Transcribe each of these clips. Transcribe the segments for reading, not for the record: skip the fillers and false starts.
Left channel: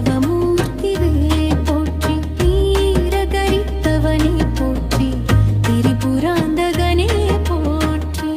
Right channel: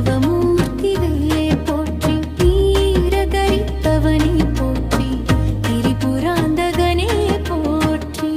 தவமூர்த்திவே போற்றி, நீரதரித்தவனே போற்றி, திரிபுராந்தகனே போற்றி.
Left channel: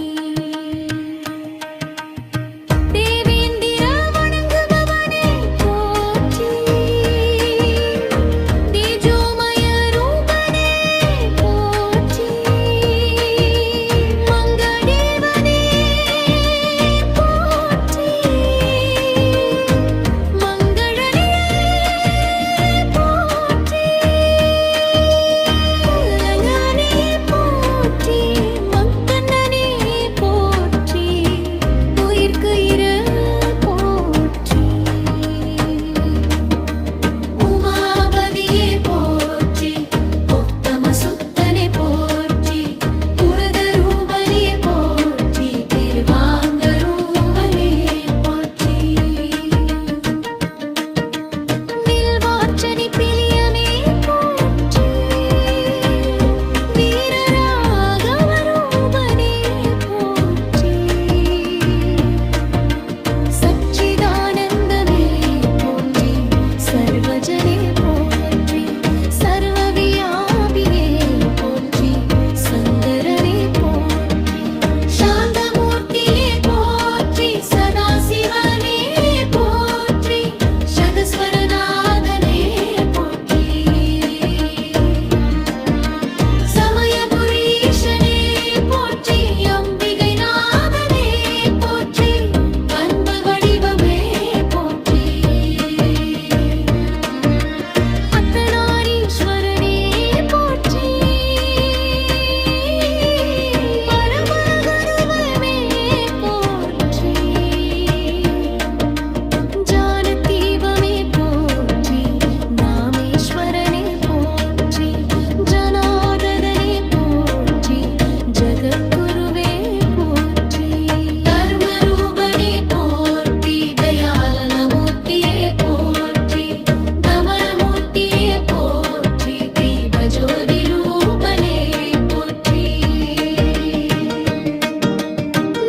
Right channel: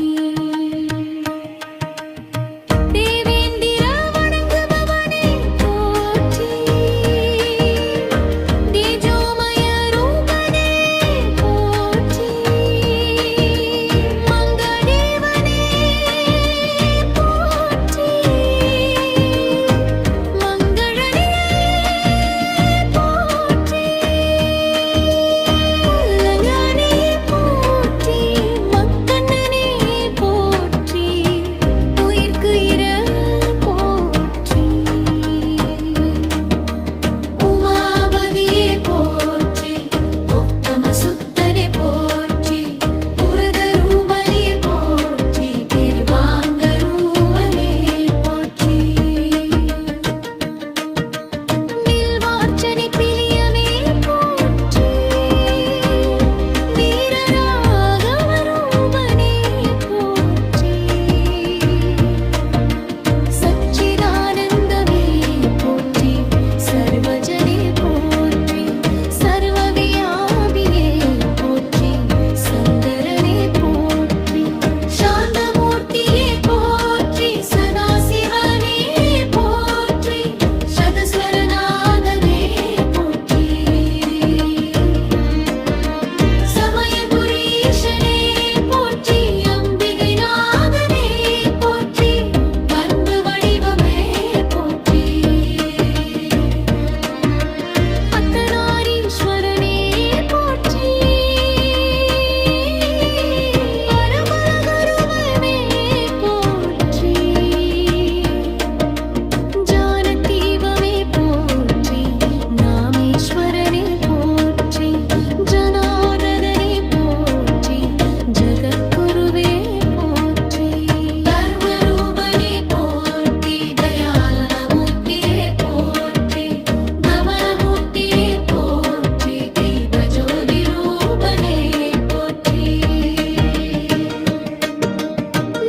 सर्वजने पोற்றி, सर्वव्यापिये पोற்றி, संदरने पोற்றி, शान्तमूर्तिये पोற்றி, सदाशिवने पोற்றி, शतस्वरनादने पोற்றி, समयपुरीशने पोற்றி, अम्बिगै नादने पोற்றி, பண்பு வடிவமே போற்றி. ஈஸ்வரனே போற்றி, பரமகுருவே போற்றி, ஜானதீபமே போற்றி, நாமேஸ்வரனே போற்றி, ஜனார்தனே போற்றி, ஜகத்குருவே போற்றி, தர்மரூபனே போற்றி, தயாளனமூர்த்தியே போற்றி, தமரமூர்த்தியே போற்றி, தீபஜோதி ரூபனே போற்றி,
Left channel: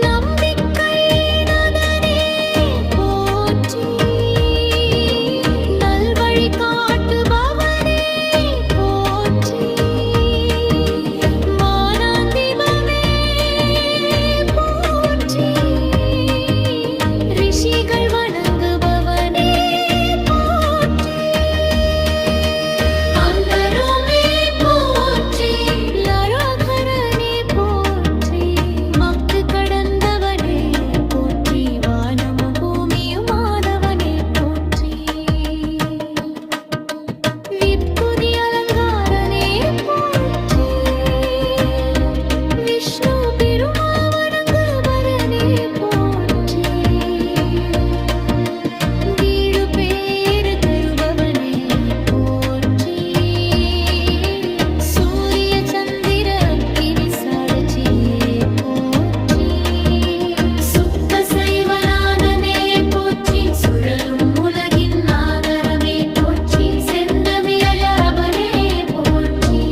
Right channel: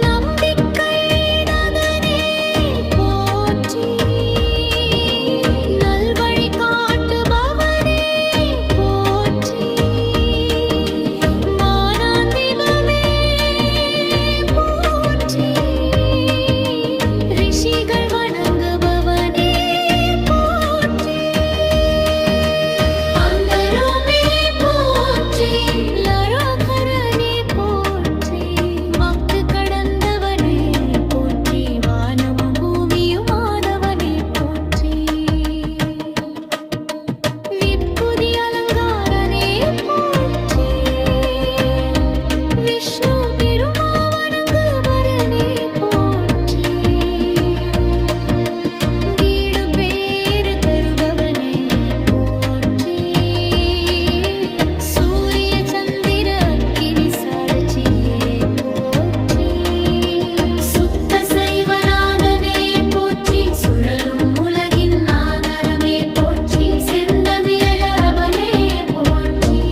நம்பிக்கை நதனே போற்றி, நல்வழி காட்டுபவனே போற்றி, மானாந்திபமே போற்றி, ரிஷிகள் வணங்குபவனே போற்றி, அங்கருமே போற்றி, லரோகரனே போற்றி, மக்கு கடந்தவனே போற்றி, வானமும் பூமியும் ஆதவனே போற்றி, விப்புதி அலங்காரனே போற்றி, விஷ்ணு பெருமாவணங்குபவனே போற்றி, வீடு பேறு தருபவனே போற்றி, சூரிய சந்திர அக்கினி சாட்சியே போற்றி, சுத்த சைவநாதனே போற்றி, சுழலும் உலகின் ஆதரவே போற்றி, செந்தமிழவனே போற்றி,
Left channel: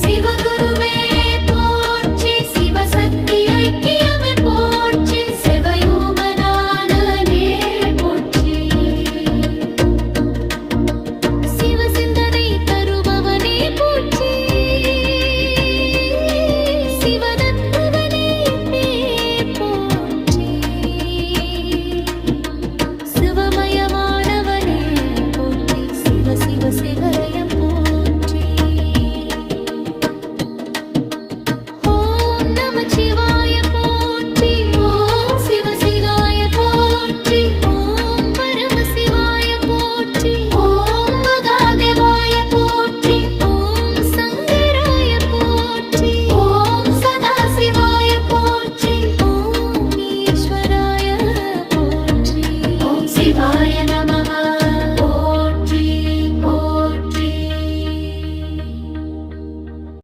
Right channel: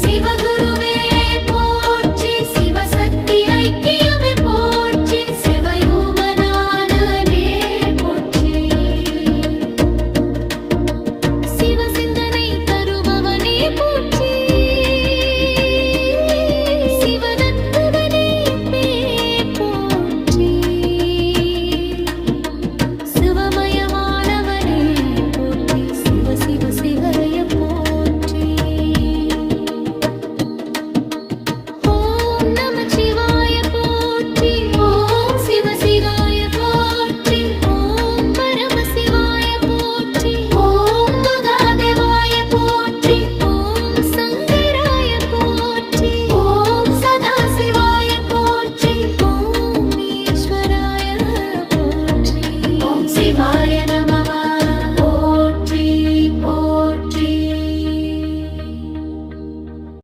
சிவகுருவே போற்றி, சிவசக்தி ஐக்கியமே போற்றி, சிவயோகநாதனே போற்றி, சிவசிந்தனை தருபவனே போற்றி, சிவதத்துவனே போற்றி, சிவமயமானவனே போற்றி, சிவ சிவ சிகரய போற்றி.